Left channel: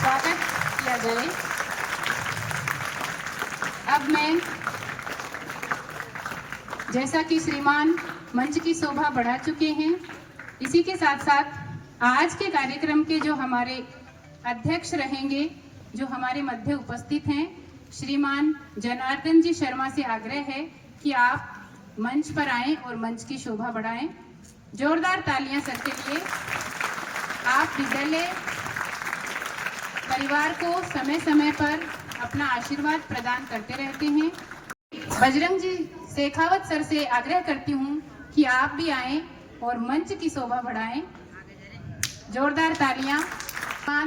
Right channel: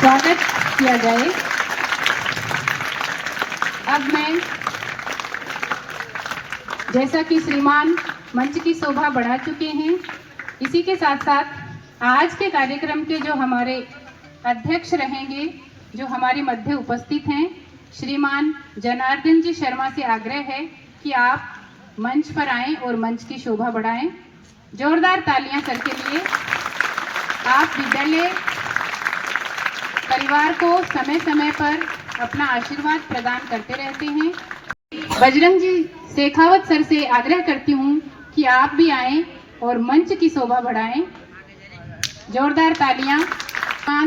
स्वागत किया जाए। अब मैं, जैसा कि श्रीमान मंच की शोभा बढ़ा चुके हैं, इसी के साथ साथ आज के कार्यक्रम के जो हमारे अध्यक्ष रहेंगे, जो हमारे मध्य उपस्थित हैं, श्रीमान जनार्दन जी शर्मा से आग्रह है कि आप मंच पर आएं और मंच की शोभा बढ़ाएं। जोरदार तालियां सर के लिए। आप विद्यालय परिवार को समय समय पर अपना आशीर्वाद प्रदान करते रहते हैं। बजरंग जी शेखावत सर से आग्रह करती हूँ कि आप भी आएं और मंच की शोभा बढ़ाएं। जोरदार तालियां।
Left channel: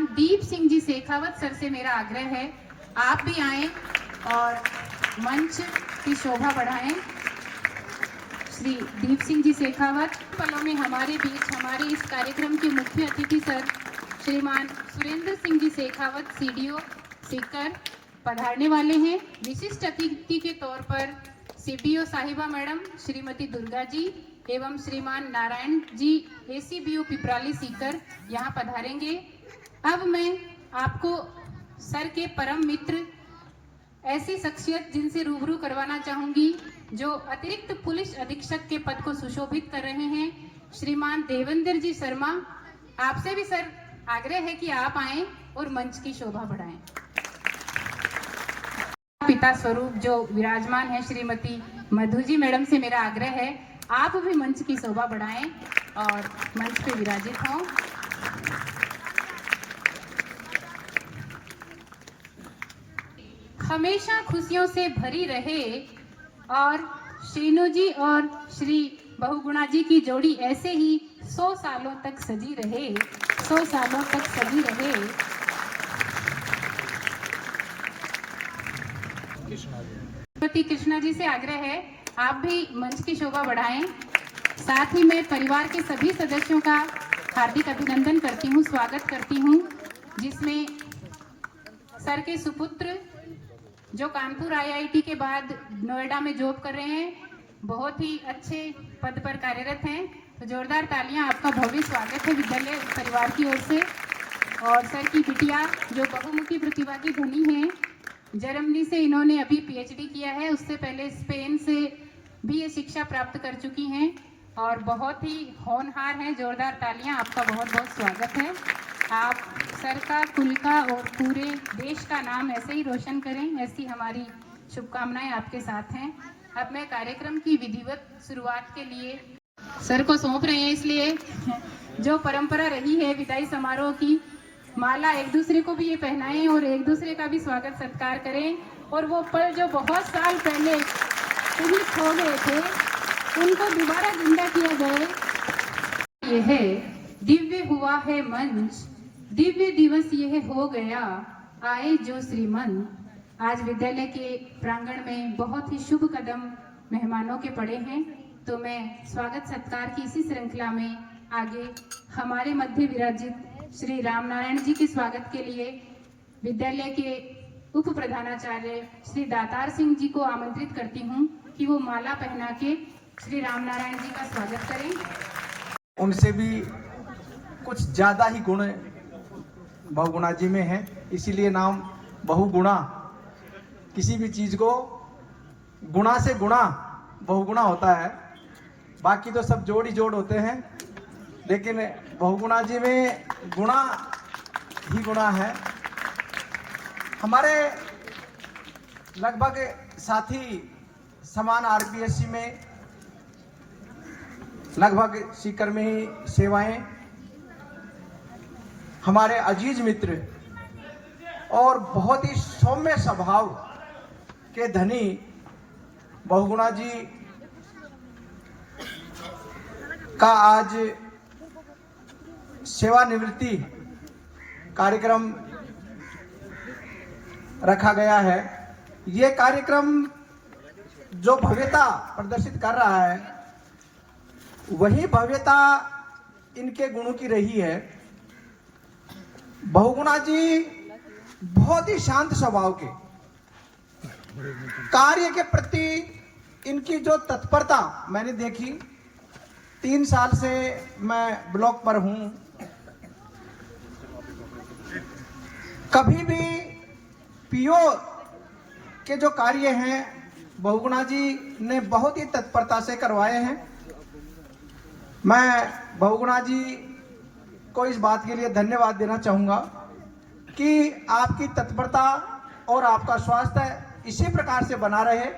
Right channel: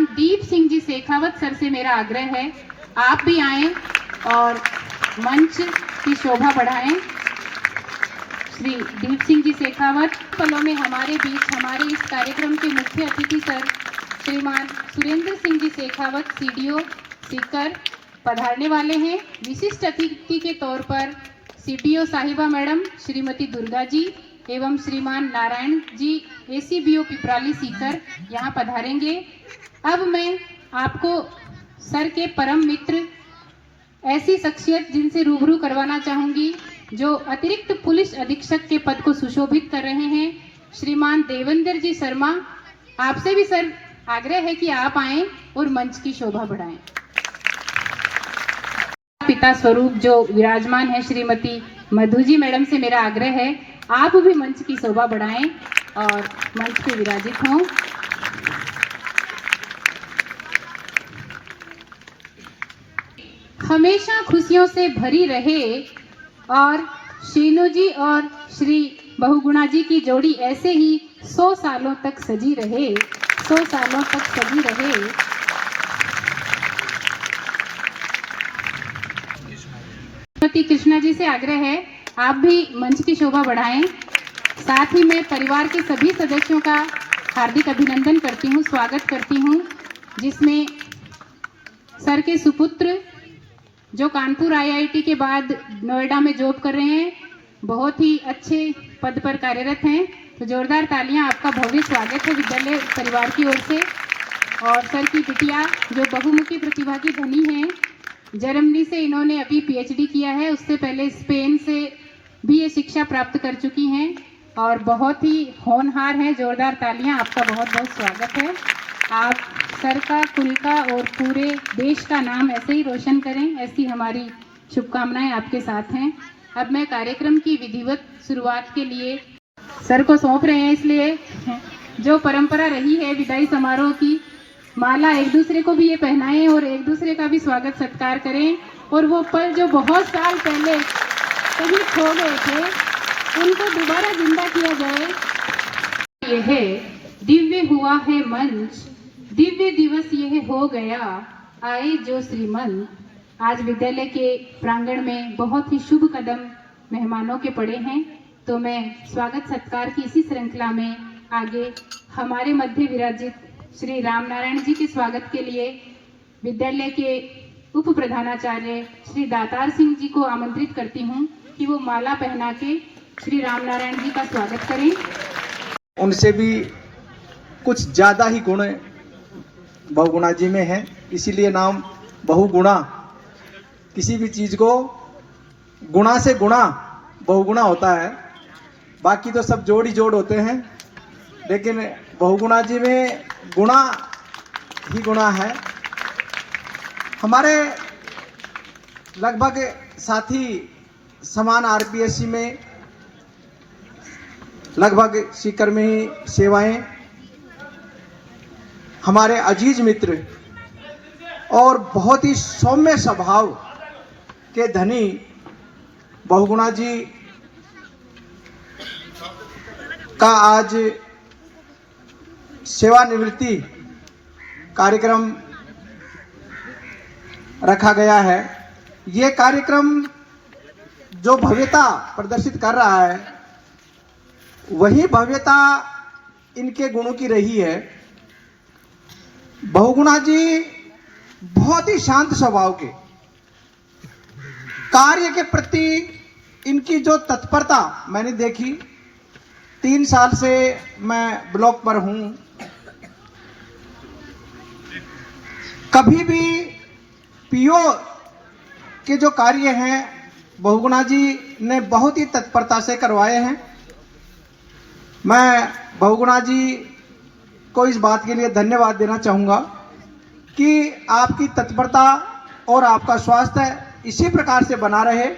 दीप सिंह जी शेखावत सर से मेरा आग्रह है, आप भी आएं और मंच की शोभा बढ़ाएं। श्री दीप सिंह जी शेखावत पलों में हमारे बीच हमारे इस कार्यक्रम के मुख्य अतिथि सर श्रीमान सुरेंद्र सिंह जी शेखावत सीडीओ सीकर पधारने वाले हैं। विशिष्ट अतिथि के तौर पर सीटीओ साहिबा मैडम श्रीमती दुर्गा जी एवं श्रीमान नारायण जी एसीबीओ पिपराली सीकर यहाँ पधारेंगे। अब मैं आपको सर के परम मित्र, ऐसी शख्सियत जिनसे रूबरू करवाना चाहूँगी, जो अतिरिक्त पुलिस अधीक्षक के पद को सुशोभित कर रहे हैं, श्रीमान देवेंद्र जी शर्मा। आपसे भी सर आग्रह है कि आप आएं और मंच की शोभा बढ़ाएं। पिता स्वरूप जो विराजमान है श्रीमती मधु जी मैडम से मेरा आग्रह है, आप भी मंच की शोभा बढ़ाएं और मंच पे विराजित हों। हमेशा खुशियों से भरी रहे और शीनू जी और श्री बहुगुणा जी की जोड़ी ऐसे ही 100 सालों तक सजी रहे, 100 सालों तक सजी रहे। श्रीमती कृष्णा जी से आग्रह है, आप भी मंच की शोभा बढ़ाएं। साथ ही मैं परिवार के सभी सदस्यों का हार्दिक अभिनंदन करती हूं, स्वागत करती हूं, जिसमें सर के सुपुत्र जो कानपुर आईआईटी के बाद नोएडा में जॉब कर रहे हैं, बहुत ही अच्छे पद पर कार्यरत हैं। तो जोरदार तालियां, आपका भव्य स्वागत है विद्यालय परिवार की ओर से। और सर की बिटिया जो बहुमुखी प्रतिभा की धनी हैं, जर्मनी से इन्होंने अभी पीएचडी किया है, उससे पहले स्पेन से भी ये शिक्षा प्राप्त कर चुकी हैं और बहुत ही होनहार हैं। जोरदार तालियां, आपका बहुत बहुत स्वागत है। आप सर का, कुल का और पूरे देश का नाम ऐसे ही रोशन करें, ऐसी हमारी शुभकामनाएं आपके साथ हैं। अब मैं कार्यक्रम की विधिवत शुरुआत के लिए सर को सौंप रहे हैं, इसलिए जो परंपरा रही है विदाई समारोह की, माला एक दूसरे को भी ये पहनाएं और एक दूसरे का भी स्वागत सत्कार करें। और वो पल जो बहुत साल पहले कहीं खो गए थे, उनको दोबारा जिंदा किया जाए। यह दिव्य हुआ है मंच, दिव्य दिवस यह हो गया, आए जो श्रीमंत। आज विद्यालय के प्रांगण में बहुत ही शुभ कदम मेहमानों के पड़े हैं, तो मैं स्वागत सत्कार की इसी श्रृंखला में आगे हमारे मध्य विराजित श्री राम नारायण जी के स्वागत के लिए विद्यालय के उप प्रधानाचार्य श्री दातार सिंह जी को आमंत्रित करती हूँ कि वो माला पहना के श्री राम नारायण जी का स्वागत करें। उनसे भी कुछ ज़्यादा ही गुण बहुगुणा जी में है, इसीलिए नाम बहुगुणा। किसी भी चीज़ को गुणा से गुणा बहुगुणा होता है, बाकी तो सब जोड़ ही जोड़ होते हैं, लेकिन बहुगुणा जी में गुणा ही गुणा है। हमारे लगभग साथी समान आरपीएससी में लगभग सीकर में ही सेवाएं, हमारे अजीज मित्र और बहुत ही सौम्य स्वभाव के धनी बहुगुणा जी का आज सेवानिवृत्ति कार्यक्रम रखा गया है। ये कार्यक्रम जो भव्यता प्रदर्शित कर रहा है, वही भव्यता इनके गुणों की रही है। बहुगुणा जी बहुत ही शांत स्वभाव के, कार्य के प्रति इनकी जो तत्परता मैंने देखी, 3 साल से मैं ब्लॉक पर हूं, कभी भी पीओ के जो कार्य हैं बहुगुणा जी ने बहुत ही तत्परता से करवाए हैं। मैं बहुगुणा जी को इस बात के लिए धन्यवाद देना चाहूँगा कि आपकी तत्परता और आपका स्वास्थ्य इसी प्रकार से बना रहे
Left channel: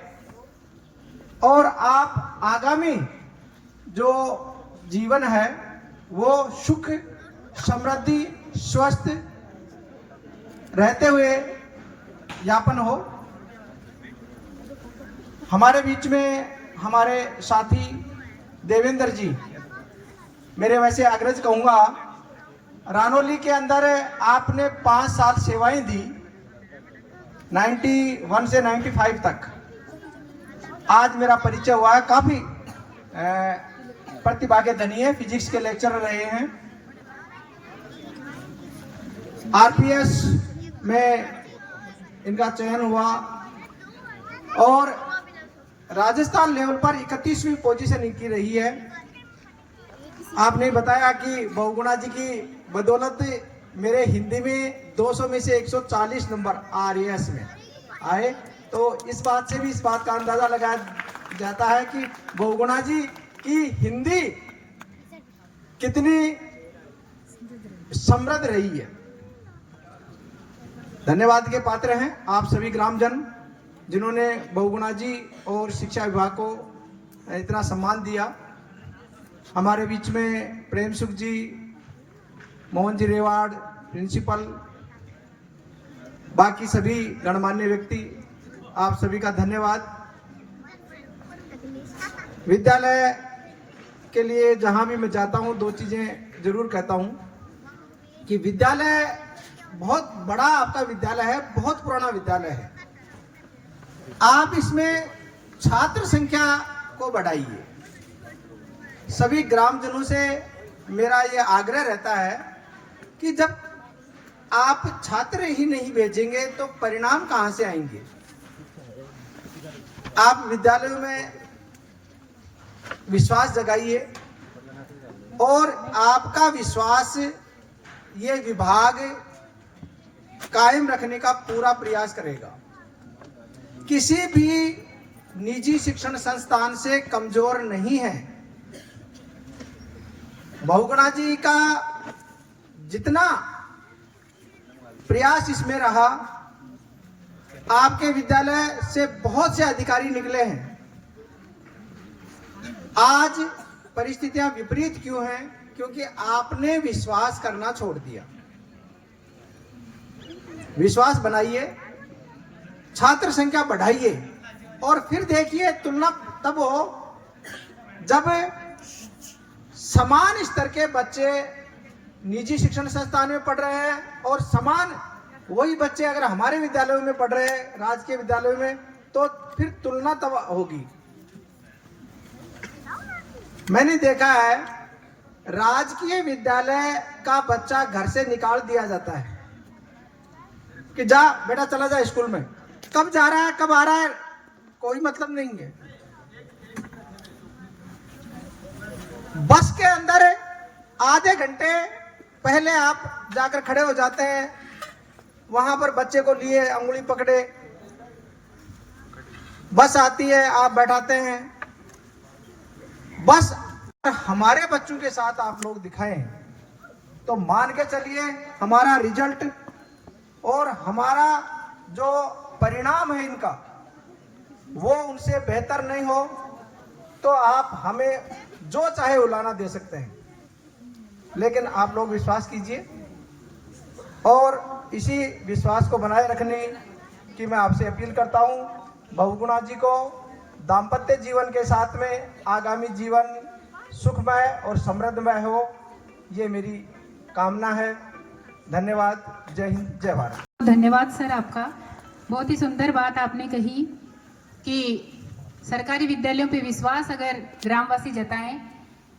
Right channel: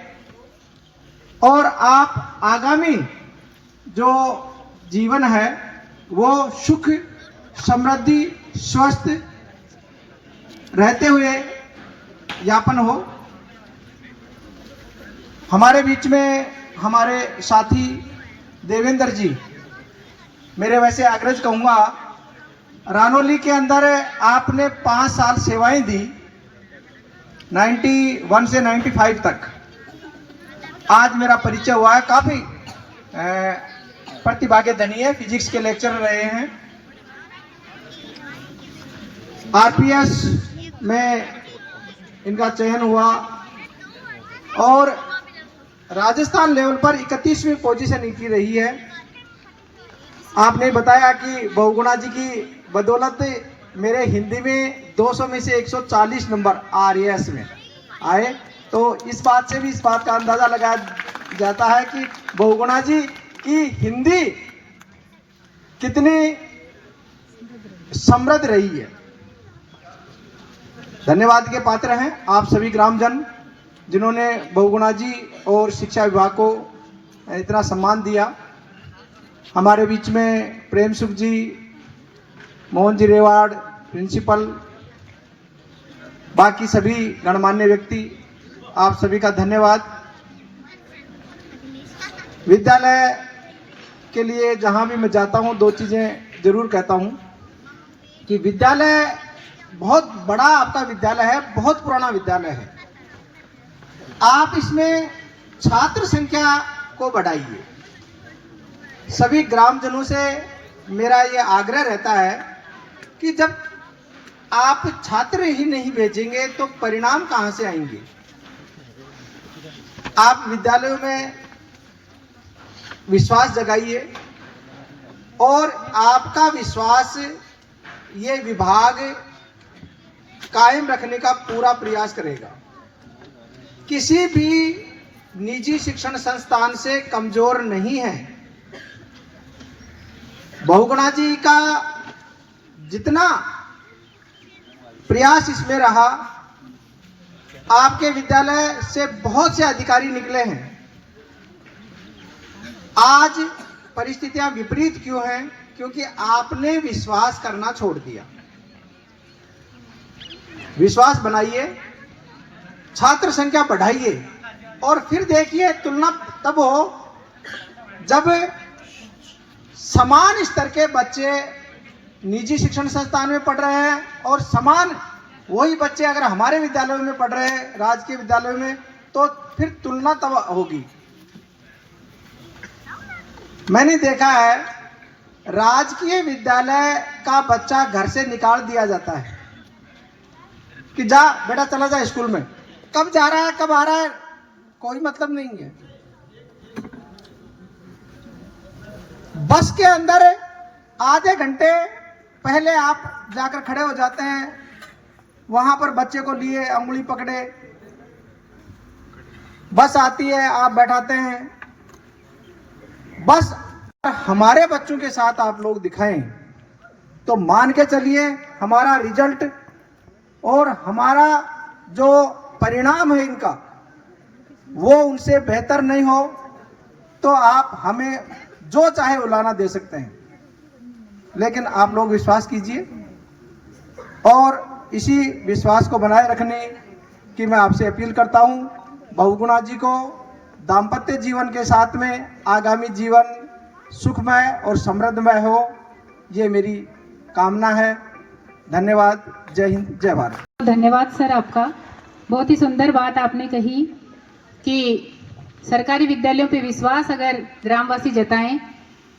और आप आगामी जो जीवन है वो सुख समृद्धि स्वस्थ रहते हुए यापन हो। हमारे बीच में हमारे साथी देवेंद्र जी, मेरे वैसे अग्रज कहूँगा, रानोली के अंदर आपने 5 साल सेवाएं दी, 91 से 95 तक। आज मेरा परिचय हुआ है, काफ़ी प्रतिभा के धनी है, फिजिक्स के लेक्चर रहे हैं, आरपीएस में इनका चयन हुआ और राजस्थान लेवल पर 31वीं पोजीशन इनकी रही है। आपने बताया कि बहुगुणा जी की बदौलत मेरे हिंदी में 200 में से 140 नंबर आरएएस में आए, तो इस बात से भी इस बात का अंदाजा लगाया जाता है कि बहुगुणा जी की हिंदी कितनी समृद्ध रही है। धन्यवाद के पात्र हैं आप सभी ग्रामजन जिन्होंने बहुगुणा जी और शिक्षा विभाग को इतना सम्मान दिया। हमारे बीच में प्रेम सुख जी, मोहन जी रेवाड़, प्रिंसिपल, बाकी सभी गणमान्य व्यक्ति, आप सभी का धन्यवाद। विद्यालय के लिए जहाँ भी मैं जाता हूँ 2 चीज़ें जरूर कहता हूँ कि विद्यालय बहुत बड़ा आपका विद्यालय है, बहुत पुराना विद्यालय है। आप इसमें छात्र संख्या को बढ़ाइए। सभी ग्रामजनों से मेरा ये आग्रह रहता है कि जब आप छात्र ही नहीं भेजेंगे तो परिणाम कहाँ से आएंगे। आप विद्यालयों में विश्वास जगाइए और आपका विश्वास ये विभाग कायम रखने का पूरा प्रयास करेगा। किसी भी निजी शिक्षण संस्थान से कमजोर नहीं है। बहुगुणा जी का जितना प्रयास इसमें रहा, आपके विद्यालय से बहुत से अधिकारी निकले हैं। आज परिस्थितियां विपरीत क्यों हैं? क्योंकि आपने विश्वास करना छोड़ दिया। विश्वास बनाइए, छात्र संख्या बढ़ाइए और फिर देखिए तुलना तब हो जब समान स्तर के बच्चे निजी शिक्षण संस्थान में पढ़ रहे हैं और समान वही बच्चे अगर हमारे विद्यालयों में पढ़ रहे हैं, राजकीय विद्यालयों में, तो फिर तुलना तब होगी। मैंने देखा है राजकीय विद्यालय का बच्चा घर से निकाल दिया जाता है कि जा बेटा चला जा स्कूल में, कब जा रहा है कब आ रहा है कोई मतलब नहीं है। बस के अंदर आधे घंटे पहले आप जाकर खड़े हो जाते हैं, वहां पर बच्चे को लिए अंगुली पकड़े, बस आती है आप बैठाते हैं। बस हमारे बच्चों के साथ आप लोग दिखाएं तो मान के चलिए हमारा रिजल्ट और हमारा जो परिणाम है इनका वो उनसे बेहतर नहीं हो तो आप हमें जो चाहे उलाना दे सकते हैं, लेकिन आप लोग विश्वास कीजिए और इसी विश्वास को बनाए रखने की मैं आपसे अपील करता हूं। बहुगुणा जी को दाम्पत्य जीवन के साथ में आगामी जीवन सुखमय और समृद्धमय हो, ये मेरी कामना है। धन्यवाद। जय हिंद, जय भारत। धन्यवाद सर आपका। बहुत ही सुंदर बात आपने कही कि सरकारी विद्यालयों पे विश्वास अगर ग्रामवासी जताएं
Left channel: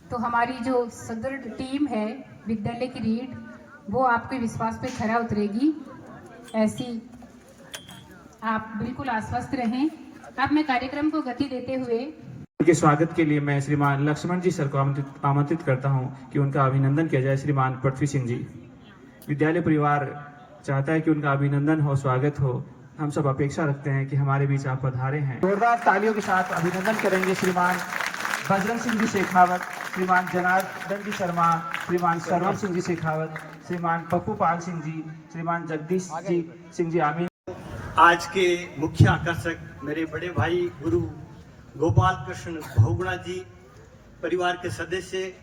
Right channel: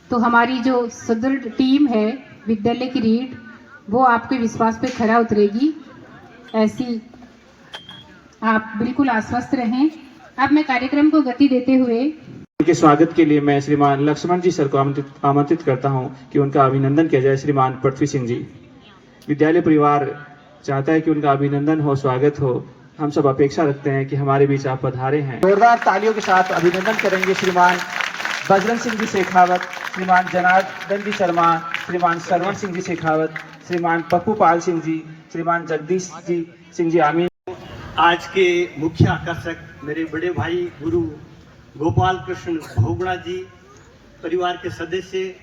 तो हमारी जो सुदृढ़ टीम है विद्यालय की रीढ़, वो आपके विश्वास पे खरा उतरेगी। ऐसी आप बिल्कुल आश्वस्त रहें। अब मैं कार्यक्रम को गति देते हुए उनके स्वागत के लिए मैं श्रीमान लक्ष्मण जी सर को आमंत्रित करता हूं कि उनका अभिनंदन किया जाए। श्रीमान पृथ्वी सिंह जी, विद्यालय परिवार चाहता है कि उनका अभिनंदन हो, स्वागत हो। हम सब अपेक्षा रखते हैं कि हमारे बीच आप पधारे हैं। जोरदार तालियों के साथ अभिनंदन करेंगे श्रीमान बजरंग सिंह जी शेखावत, श्रीमान जनार्दन जी शर्मा, श्रीमान सरवर सिंह जी शेखावत, श्रीमान पप्पू पाल सिंह जी, श्रीमान जगदीश जी सिंह जी आमीन। आज के मुख्य आकर्षक मेरे बड़े भाई गुरु गोपाल कृष्ण भोगुणा जी, परिवार के सदस्य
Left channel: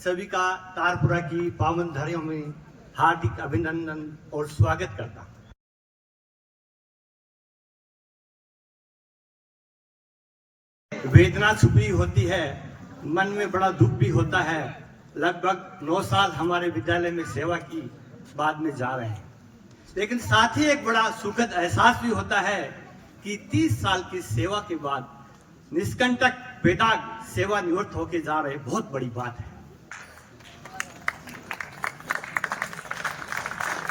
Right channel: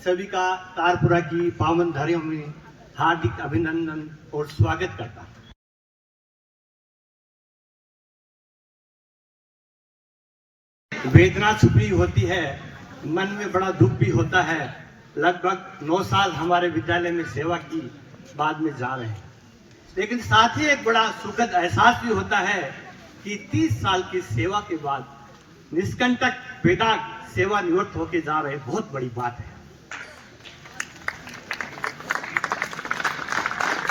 सभी का तारपुरा की पावन धरियों में हार्दिक अभिनंदन और स्वागत करता हूं। वेदना छुपी होती है, मन में बड़ा दुख भी होता है। लगभग 9 साल हमारे विद्यालय में सेवा की, बाद में जा रहे हैं, लेकिन साथ ही एक बड़ा सुखद एहसास भी होता है कि 30 साल की सेवा के बाद निष्कंटक बेदाग सेवा निवृत्त होकर जा रहे, बहुत बड़ी बात है।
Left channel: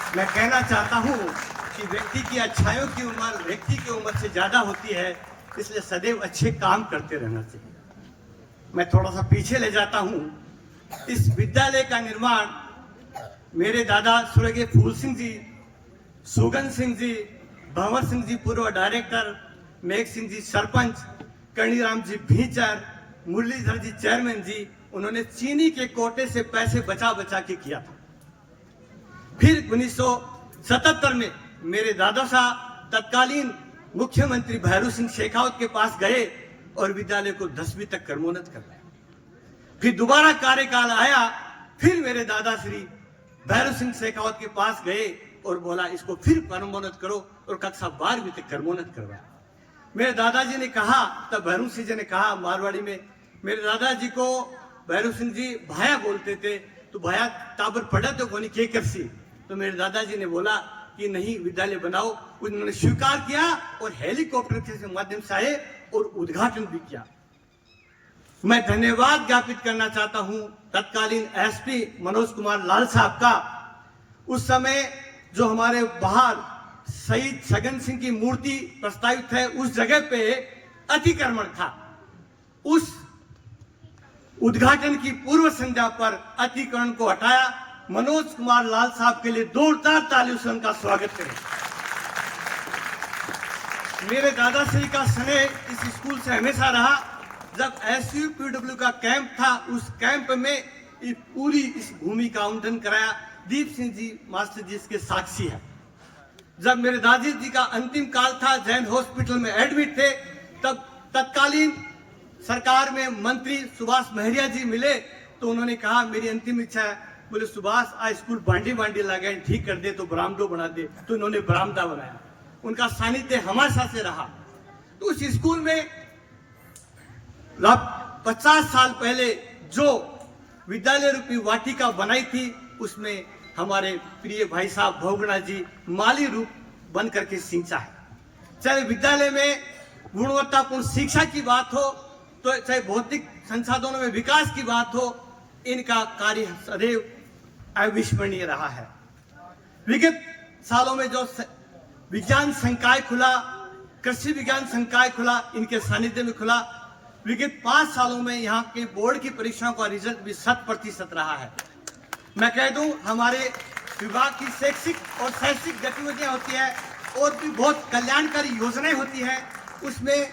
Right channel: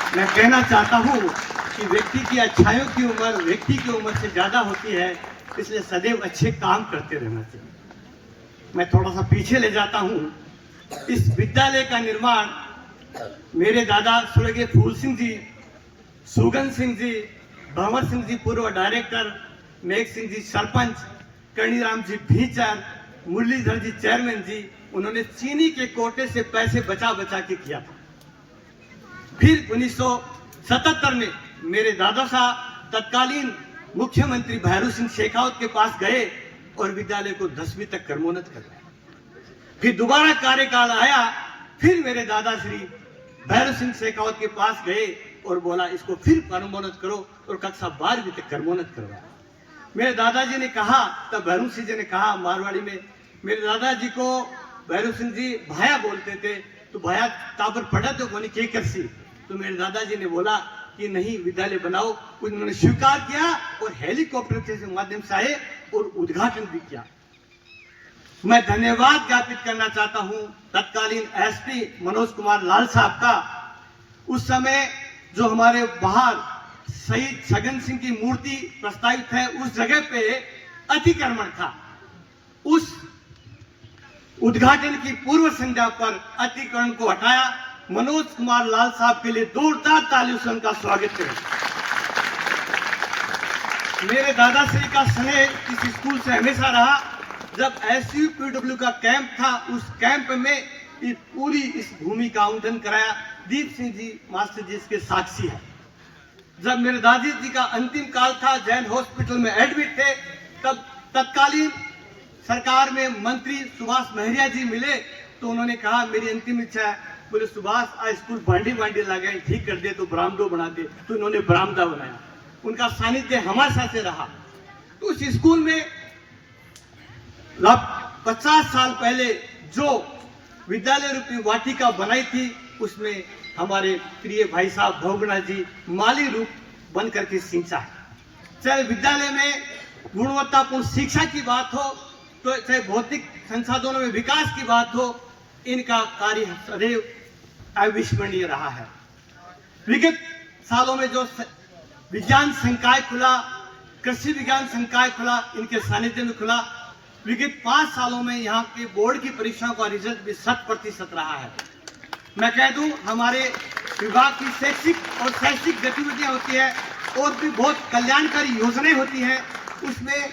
मैं कहना चाहता हूं कि व्यक्ति की अच्छाइयों की उम्र व्यक्ति की उम्र से ज्यादा होती है, इसलिए सदैव अच्छे काम करते रहना चाहिए। मैं थोड़ा सा पीछे ले जाता हूं। इस विद्यालय का निर्माण मेरे दादा स्वर्गीय फूल सिंह जी, सुगन सिंह जी, भंवर सिंह जी पूर्व डायरेक्टर, मेघ सिंह जी सरपंच, कणीराम जी भीचर, मुरलीधर जी चेयरमैन जी, उन्होंने चीनी के कोटे से पैसे बचा बचा के किया था। फिर 1977 में मेरे दादा साहब तत्कालीन मुख्यमंत्री भैरू सिंह शेखावत के पास गए और विद्यालय को 10वीं तक क्रमोन्नत करवाया। फिर दोबारा कार्यकाल आया, फिर मेरे दादा श्री भैरू सिंह शेखावत के पास गए और बोला इसको फिर क्रमोन्नत करो, और कक्षा 12वीं तक क्रमोन्नत करवाया। मेरे दादाजी ने कहा, तब भैरू सिंह जी ने कहा मारवाड़ी में, मेरे दादाजी को भैरू सिंह जी भाया बोलते थे, तो भाया तापर पढ़ा तो कोनी के करसी, तो मेरे दादाजी ने बोला कि नहीं विद्यालय बनाओ। उन्होंने स्वीकार किया और हेलीकॉप्टर के माध्यम से आए और उद्घाटन भी किया। मैं धन्यवाद ज्ञापित करना चाहता हूं तत्कालीन एसपी मनोज कुमार लाल साहब का। उस समय जो हमारे बाहर शहीद छगन सिंह की मूर्ति प्रस्तावित है, उस जगह पे अतिक्रमण था। उस उद्घाटन की पूर्व संध्या पर अतिक्रमण को हटाया। मनोज कुमार लाल साहब के लिए जोरदार तालियों से उनका स्वागत करें। मेरे दादाश्री का स्नेह इस स्कूल से हमेशा रहा। जब SUPW का कैंप था, उस कैंप में पूरी इस भूमि का आवंटन कराया। दीप सिंह जी मास्टर जी इसके साक्षी है। जब मेरे दादी जी का अंतिम काल था, जैन हॉस्पिटल में एडमिट थे, तब तत्कालीन सरकार में मंत्री सुभाष महरिया जी मिले, तो उन्होंने कहा मेरी अंतिम इच्छा है, बोले सुभाष आज स्कूल बांडी लगा ठीक कर दे, तो बरामदो बना दे, तो उन्होंने बरामदा बनाया। उनका सानिध्य हमारे साथ से रहा। तो उस स्कूल में 50 साल पहले जो विद्यालय रूपी वाटिका बनाई थी, उसमें हमारे प्रिय भाई साहब भोगुणा जी माली रूप बन करके सिंचा है। चाहे विद्यालय में गुणवत्तापूर्ण शिक्षा की बात हो, तो चाहे भौतिक संसाधनों में विकास की बात हो, इनका कार्य सदैव अविस्मरणीय रहा है। विगत सालों में जो विज्ञान संकाय खुला, कृषि विज्ञान संकाय खुला, इनके सानिध्य में खुला। विगत 5 सालों में यहाँ के बोर्ड की परीक्षाओं का रिजल्ट भी 100% रहा है। मैं कह दूं, हमारे विभाग की शैक्षिक गतिविधियां होती है और भी बहुत कल्याणकारी योजनाएं होती हैं, उसमें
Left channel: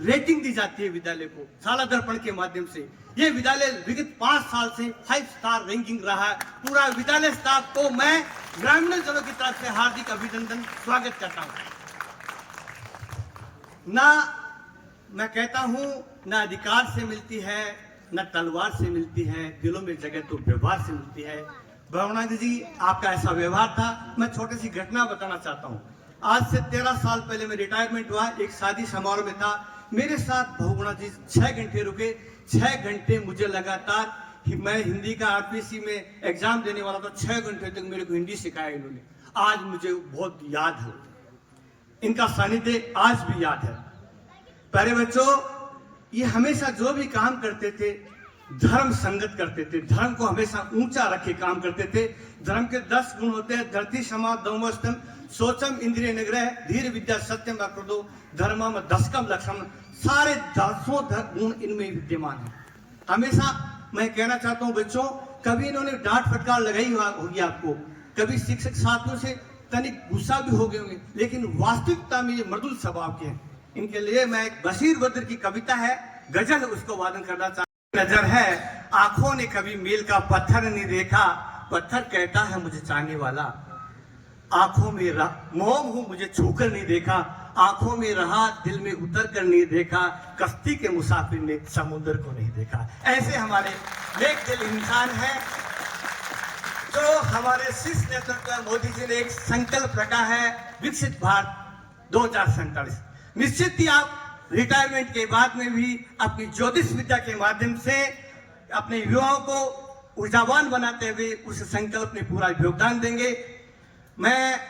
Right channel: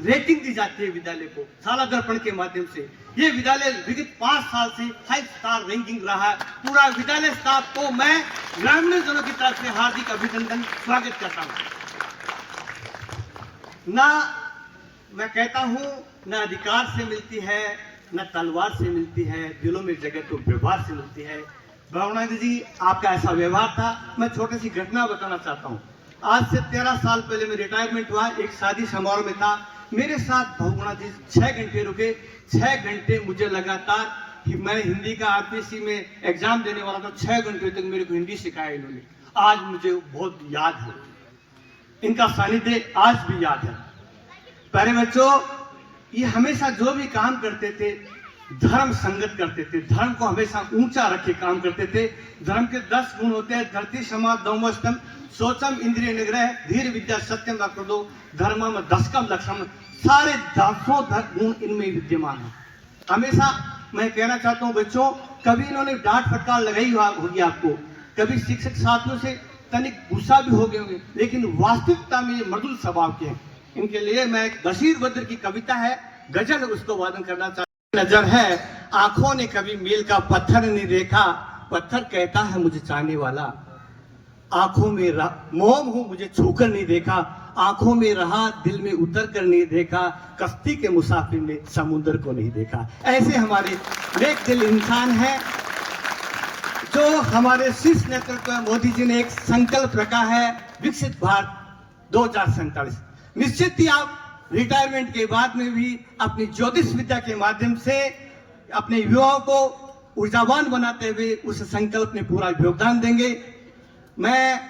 रेटिंग दी जाती है विद्यालय को शाला दर्पण के माध्यम से। ये विद्यालय विगत 5 साल से 5 स्टार रैंकिंग रहा है। पूरा विद्यालय स्टाफ को मैं ग्रामीण जनों की तरफ से हार्दिक अभिनंदन स्वागत करता हूँ। ना मैं कहता हूँ, न अधिकार से मिलती है, न तलवार से मिलती है, दिलों में जगह तो व्यवहार से मिलती है। भगवान जी, आपका ऐसा व्यवहार था। मैं छोटी सी घटना बताना चाहता हूँ। आज से 13 साल पहले मैं रिटायरमेंट हुआ, एक शादी समारोह में था। मेरे साथ भगवान जी 6 घंटे रुके। 6 घंटे मुझे लगातार, मैं हिंदी का RPC में एग्जाम देने वाला था, 6 घंटे तक मेरे को हिंदी सिखाया इन्होंने। आज मुझे बहुत याद है, इनका सानिध्य आज भी याद है। प्यारे बच्चों, ये हमेशा जो भी काम करते थे धर्म संगत करते थे, धर्म को हमेशा ऊंचा रखे काम करते थे। धर्म के 10 गुण होते हैं, धरती समा दौमस्तम सोचम इंद्रिय निग्रह धीर विद्या सत्यम दो धर्मम दशकम लक्षम। सारे 10 गुण इनमें विद्यमान है। हमेशा मैं कहना चाहता हूँ बच्चों, कभी इन्होंने डांट फटकार लगाई होगी आपको, कभी शिक्षक साथियों से तनिक गुस्सा भी हो गए होंगे, लेकिन वास्तविकता में ये मृदुल स्वभाव के हैं। इनके लिए मैं एक बशीर बद्र की कविता है, गजल, उसको वादन करना चाहता हूं। नजर है आंखों ने कभी मील का पत्थर नहीं देखा, पत्थर कहता है मुझे चाहने वाला। आंखों में मोम हूं, मुझे छूकर नहीं देखा, आंखों में रहा दिल में उतर कर नहीं देखा, कश्ती के मुसाफिर ने समुद्र को नहीं देखा। ऐसे हमारे नेक दिल इंसान हैं। जो हमारे शीर्ष नेतृत्व मोदी जी ने एक संकल्प रखा है, विकसित भारत 2047। निश्चित ही आप रिटायरमेंट के बाद में भी अपनी ज्योतिष विद्या के माध्यम से अपने युवाओं को ऊर्जावान बनाते हुए उस संकल्प में पूरा योगदान देंगे। मैं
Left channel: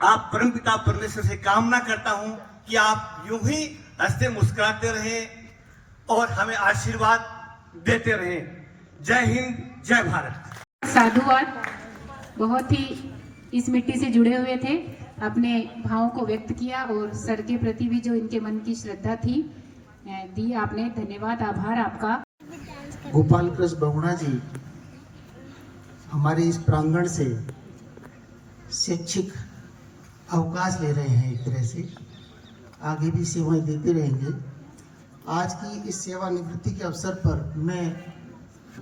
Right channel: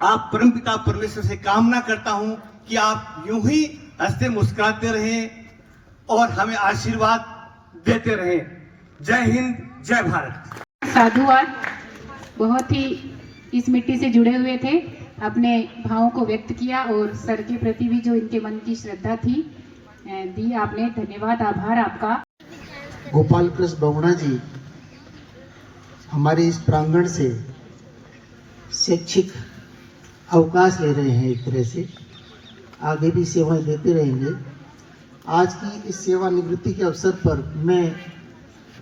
आप परमपिता परमेश्वर से कामना करता हूं कि आप यूं ही हंसते मुस्कुराते रहें और हमें आशीर्वाद देते रहें। जय हिंद, जय भारत। साधुवाद, बहुत ही इस मिट्टी से जुड़े हुए थे, अपने भावों को व्यक्त किया और सर के प्रति भी जो इनके मन की श्रद्धा थी दी आपने। धन्यवाद, आभार आपका। गोपाल कृष्ण बहुगुणा जी हमारे इस प्रांगण से शैक्षिक अवकाश ले रहे हैं, एक तरह से आगे भी सेवाएं देते रहेंगे। आज की इस सेवानिवृत्ति के अवसर पर मैं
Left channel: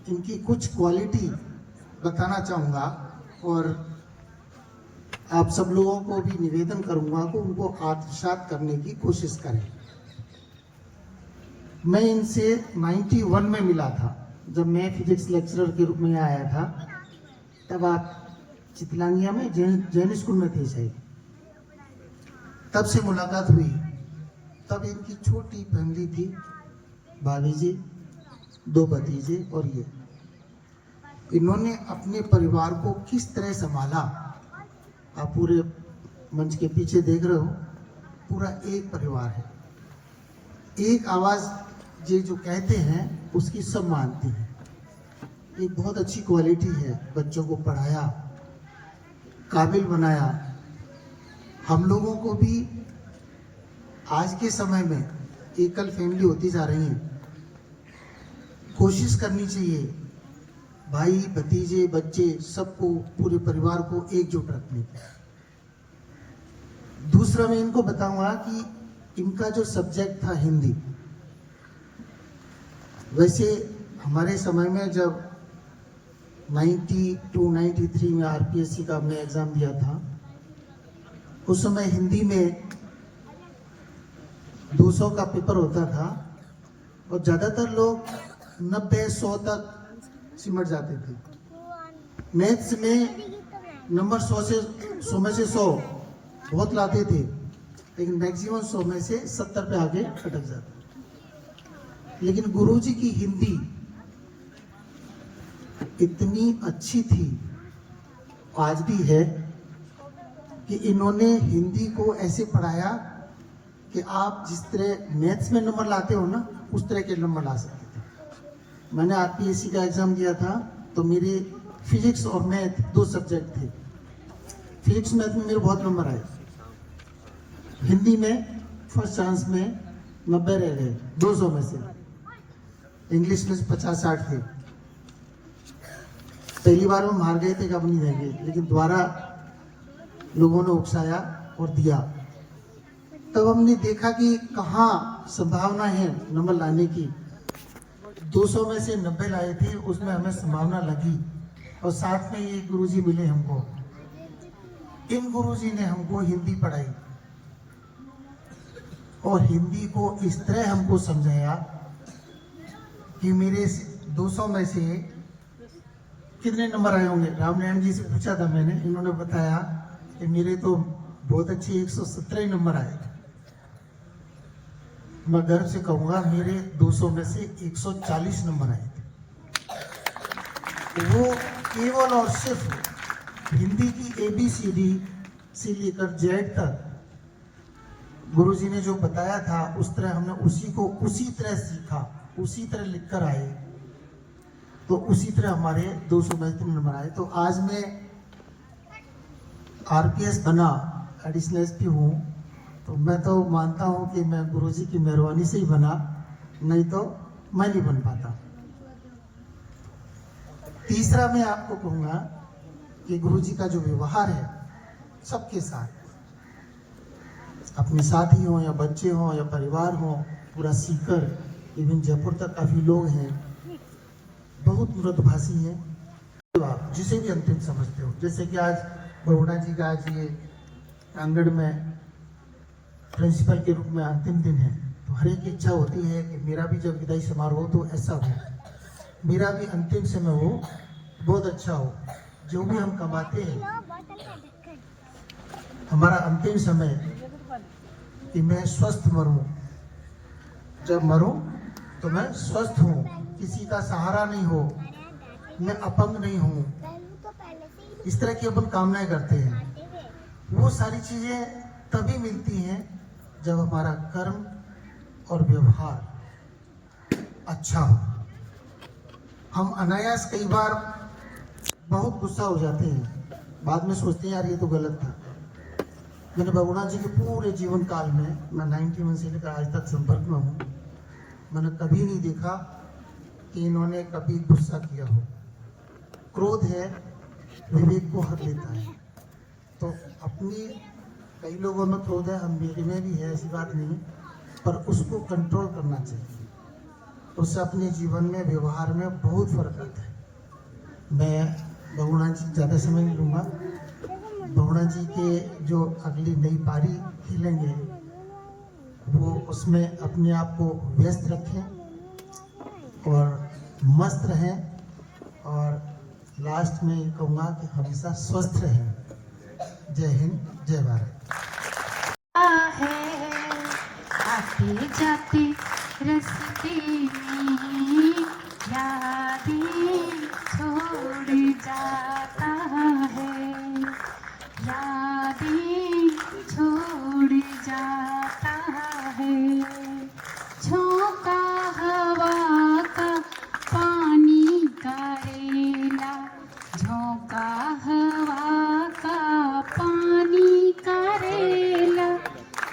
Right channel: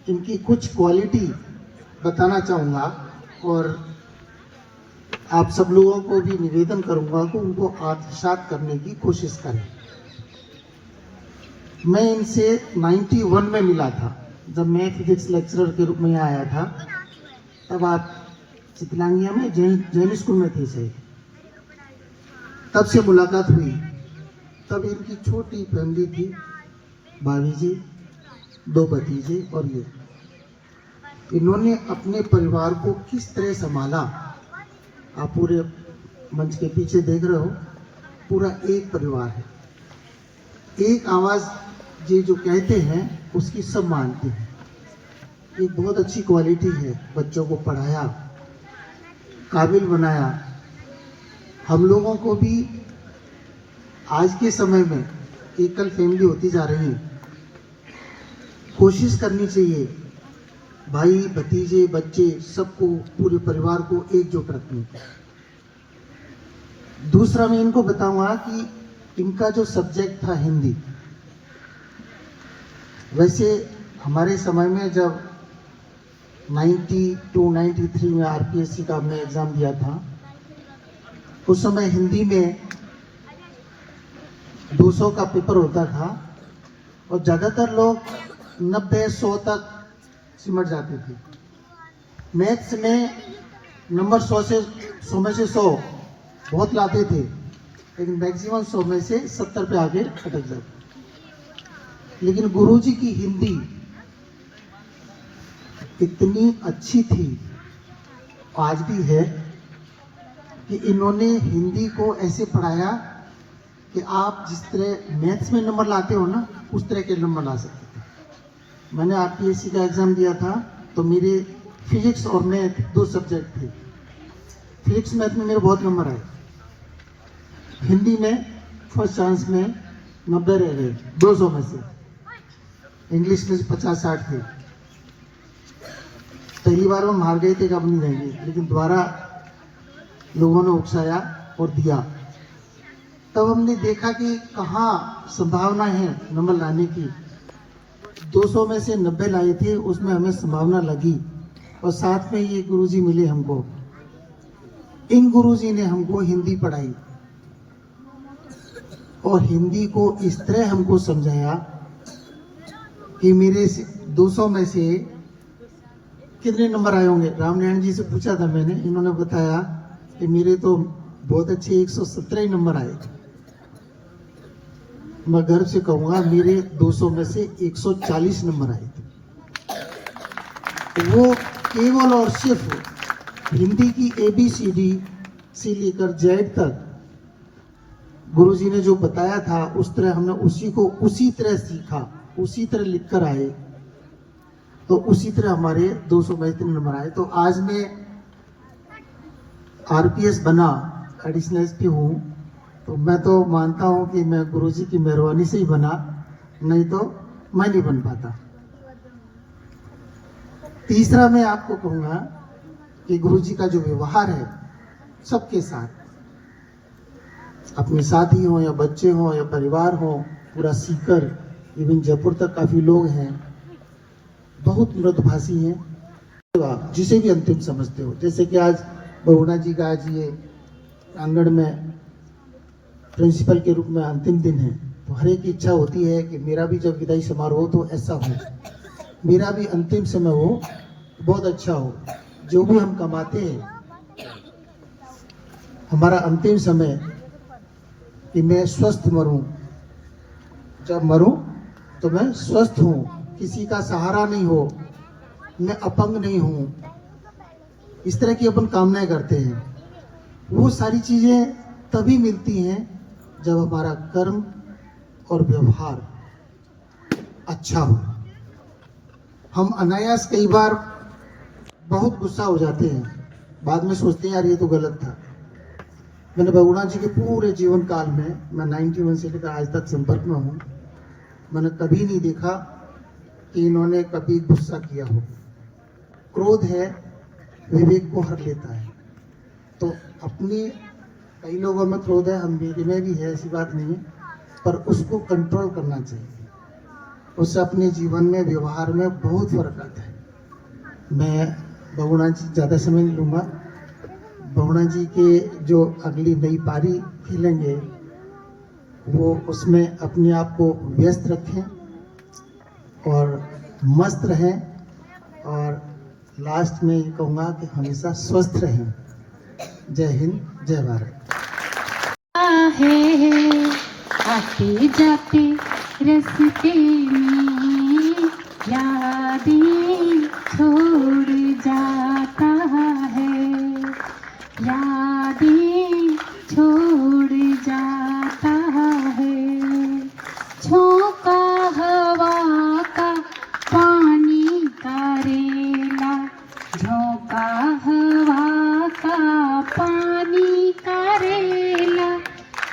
इनकी कुछ क्वालिटी बताना चाहूँगा और आप सब लोगों को भी निवेदन करूँगा कि उनको आत्मसात करने की कोशिश करें। मैं इनसे 91 में मिला था, जब मैं फिजिक्स लेक्चरर के रूप में आया था। तब आप चितलांगिया में जैन स्कूल में थे शायद, तब से मुलाकात हुई। तब इनकी छोटी फैमिली थी, भाभी जी, 2 भतीजे और ये। इन्होंने अपने परिवार को किस तरह संभाला, आप पूरे मंच के पीछे देख रहे हो, पूरा एक परिवार है, एक आवाज ये जो कहते हैं उसकी सब मानते हैं। ये बहुत अच्छी क्वालिटी है। बच्चों को पढ़ाया, काबिल बनाया। हम लोगों को भी आज के समय में एकल फैमिली होती जा रही है, कोशिश करनी चाहिए भाई भतीजे बच्चे सबको, पूरे परिवार को एकजुट रखने की। दूसरा मैं इनको बताऊंगा कि इनका जो सब्जेक्ट था हिंदी, वैसे हमारे समय में जब 92-93 में आरपीएससी का हमने एग्जाम दिया था, उस समय हिंदी में 200 का पेपर होता था और ज़्यादातर लोग 90-100 तक सिमट जाते थे। मैथ्स में नंबर 100 में से 100 बहुत लाते थे, लेकिन मैक्सिमम 100 में से 70 पे आगे अटक जाते। लेकिन गुरुजी की हिंदी इतनी अच्छी थी, आज भी है, कि इन्होंने हिंदी को ऐसे पढ़ाया कि आप जिस तरह मैथ्स में नंबर लाते हो ना, उस तरह के नंबर ला सकते थे। मैंने आरपीएससी का एग्जाम दिया था तो मेरे फिजिक्स और मैथ 2 सब्जेक्ट थे। फिजिक्स मैथ में मेरे बहुत नंबर आए, हिंदी में फर्स्ट चांस में 90 रह गए 200 में से, इंग्लिश में 50-60 थे। पहली बार हम हार गए थे कि अब नहीं देंगे, लेकिन दोबारा लोगों ने उकसाया और दिया। तब हमने देखा कि कहाँ संभावना है नंबर लाने की। 200 में से 90 लाए थे, उसमें हमें संभावना लगी और साथ में ये गुरुजी मिले हमको। इन गुरुजी ने हमको हिंदी पढ़ाई और हिंदी को इस तरह हमको समझाया कि मेरे 200 में से कितने नंबर आए होंगे। रामनारायण जी से पूछा था मैंने, इन्होंने बताया कि मेरे तो बहुत अच्छे 117 नंबर आए। मैं गर्व से कहूंगा मेरे 200 में से 140 नंबर आए थे। वो केवल और सिर्फ हिंदी की ABCD से लेकर Z तक गुरुजी ने जो बताया था, उस तरह हमने उसी तरह सीखा, उसी तरह लिख कर आए, तो उसी तरह हमारे 200 में इतने नंबर आए। तो आज मैं RPS बना, एडिशनल SP हूँ, तो मैं तो मानता हूँ कि मैं गुरुजी की मेहरबानी से ही बना, नहीं तो मैं नहीं बन पाता। तीसरा मैं आपको कहूँगा कि गुरुजी का जो व्यवहार है, सबके साथ, अपने साथी हो या बच्चे हो या परिवार हो, पूरा सीकर इवन जयपुर तक काफी लोग हैं, बहुत मृदुभाषी हैं। तो आप जिसे भी अंतिम समझते हो, जैसे कि आज बहुगुणा जी का आज ये आंगन में प्रिंसिपल के रूप में अंतिम दिन है, तो हर एक इच्छा होती है कि मेरा भी जब विदाई समारोह हो तो ऐसा हो, मेरा भी अंतिम समय हो, बहुत अच्छा हो। जो भी हम कमाते हैं, हमारा अंतिम समय कि मैं स्वस्थ मरूं, जब मरूं तो मैं स्वस्थ हूं, किसी का सहारा नहीं हो, मैं अपंग नहीं हूं, इस तरह की अपन कामनाएं करते हैं। वो सारी चीजें तभी मिलती हैं जब हमारा कर्म और व्यवहार अच्छा हो। हम अनायास कई बार बहुत गुस्सा हो जाते हैं, बाद में सोचते हैं यार ये तो गलत था। मैंने बहुगुणा जी के पूरे जीवन काल में, मैं 91 से लेकर आज तक संपर्क में हूँ, मैंने कभी नहीं देखा कि इन्होंने कभी गुस्सा किया हो। क्रोध है, विवेक को हर लेता है। तो अपनी, कई लोगों में क्रोध है, हम मेरे में भी है, ऐसी बात नहीं, पर उसको कंट्रोल करना चाहिए। उससे अपने जीवन में, व्यवहार में बहुत फर्क आता है। मैं बहुगुणा जी ज़्यादा समय नहीं लूँगा। बहुगुणा जी के जो अगली नई पारी खेलेंगे, वो उसमें अपने आप को व्यस्त रखें और मस्त रहें, और लास्ट में ये कहूँगा कि हमेशा स्वस्थ रहें। जय हिंद, जय भारत। है आते जाते रस्ते में यादें छोड़ जाता है, यादें छोड़ जाता है। झोंका हवा का पानी का रेला, झोंका हवा का पानी का रेला,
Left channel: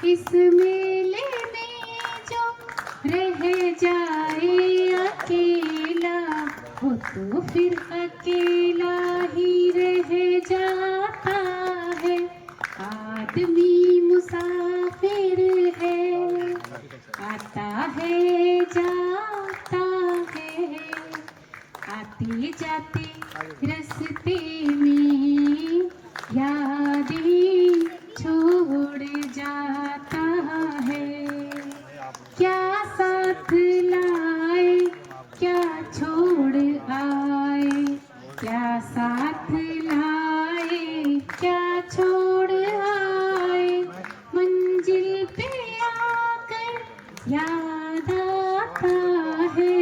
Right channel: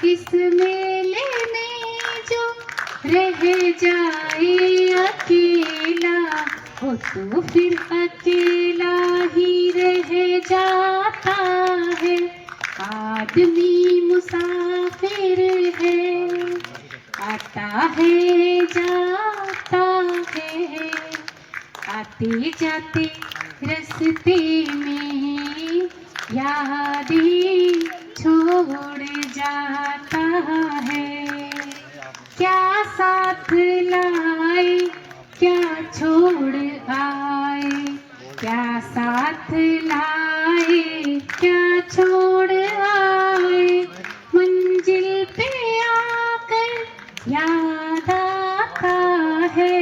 इस मेले में जो रह जाए अकेला, वो तो फिर अकेला ही रह जाता है। आदमी मुसाफिर है, आता है जाता है, आते जाते रस्ते में यादें छोड़ जाता है। क्या साथ लाए, क्या छोड़ आए, क्या साथ लाए, क्या छोड़ आए, मंजिल पे आकर याद आता है।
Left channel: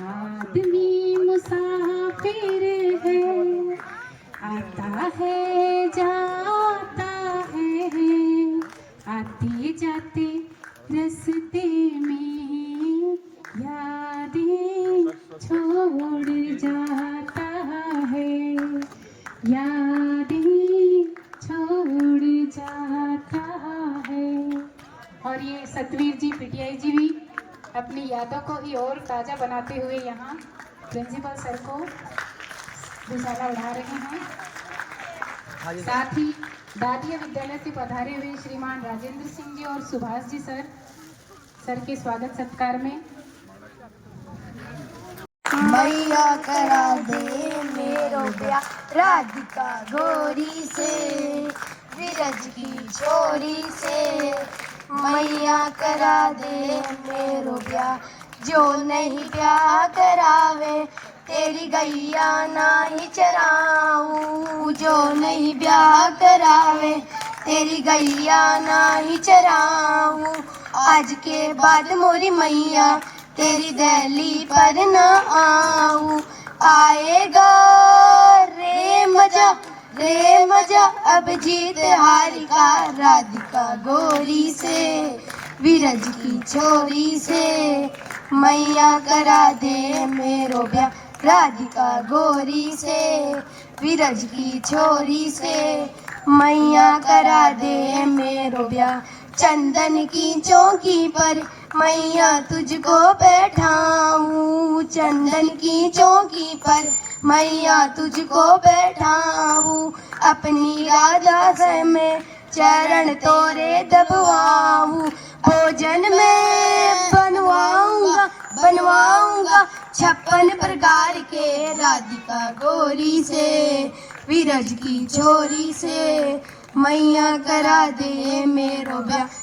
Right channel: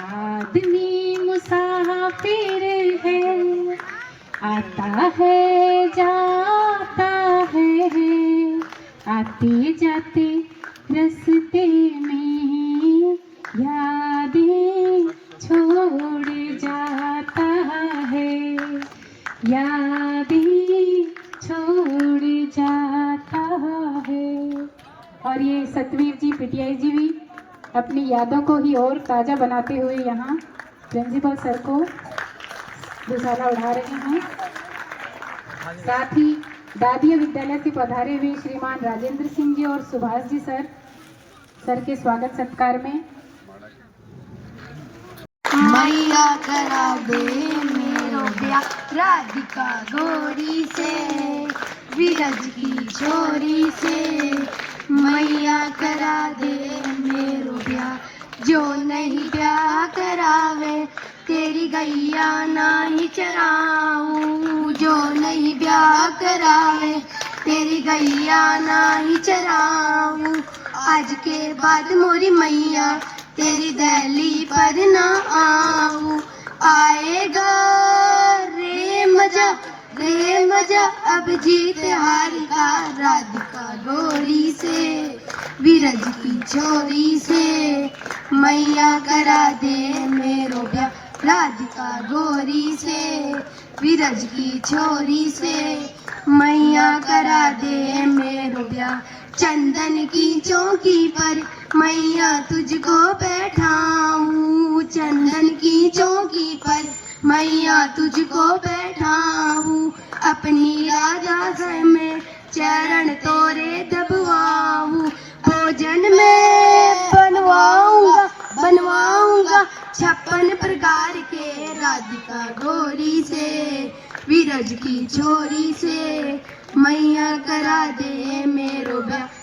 आदमी मुसाफिर है, आता है जाता है, आते जाते रस्ते में यादें छोड़ जाता है, यादें छोड़ जाता है। और ये सतवीर जी, पीटीआई जी भी अपनी यादों को ही और ताज़ा बनाते हुए यहाँ प्रिंसिपल सर को दुशाला उड़ा रहे हैं। साथ ही दादिया विद्यालय से पधारे हुए श्रीमान राजेंद्र सिंह जी और सुभाष जी सर के स्वागत सत्कार में मैया करा दे मेरो ब्याह राधिका गोरी से, विरज की छोरी से। मैया करा दे मेरो ब्याह, जो नहीं ब्याह करावे तेरी गैया नहीं चराऊं, जो नहीं ब्याह करावे तेरी गैया नहीं चराऊं। आज के बाद मोरी मैया तेरी दहली पर न आऊं, आएगा रे मजा, रे मजा अब जीत हारी का राधिका गोरी से, विरज की छोरी से। मैया करा दे मेरो ब्याह राधिका गोरी से, विरज की छोरी से। मैया करा दे मेरो ब्याह चंदन की चौकी पर, मैया तुझको बैठाऊं, चंदन की चौकी पर मैया तुझको बैठाऊं। अपनी राधा से मैं चरण तोरे दबवाऊं, भोजन में बनवाऊंगा 56 प्रकार के, राधिका गोरी से विरज की छोरी से, मैया करा दे मेरो ब्याह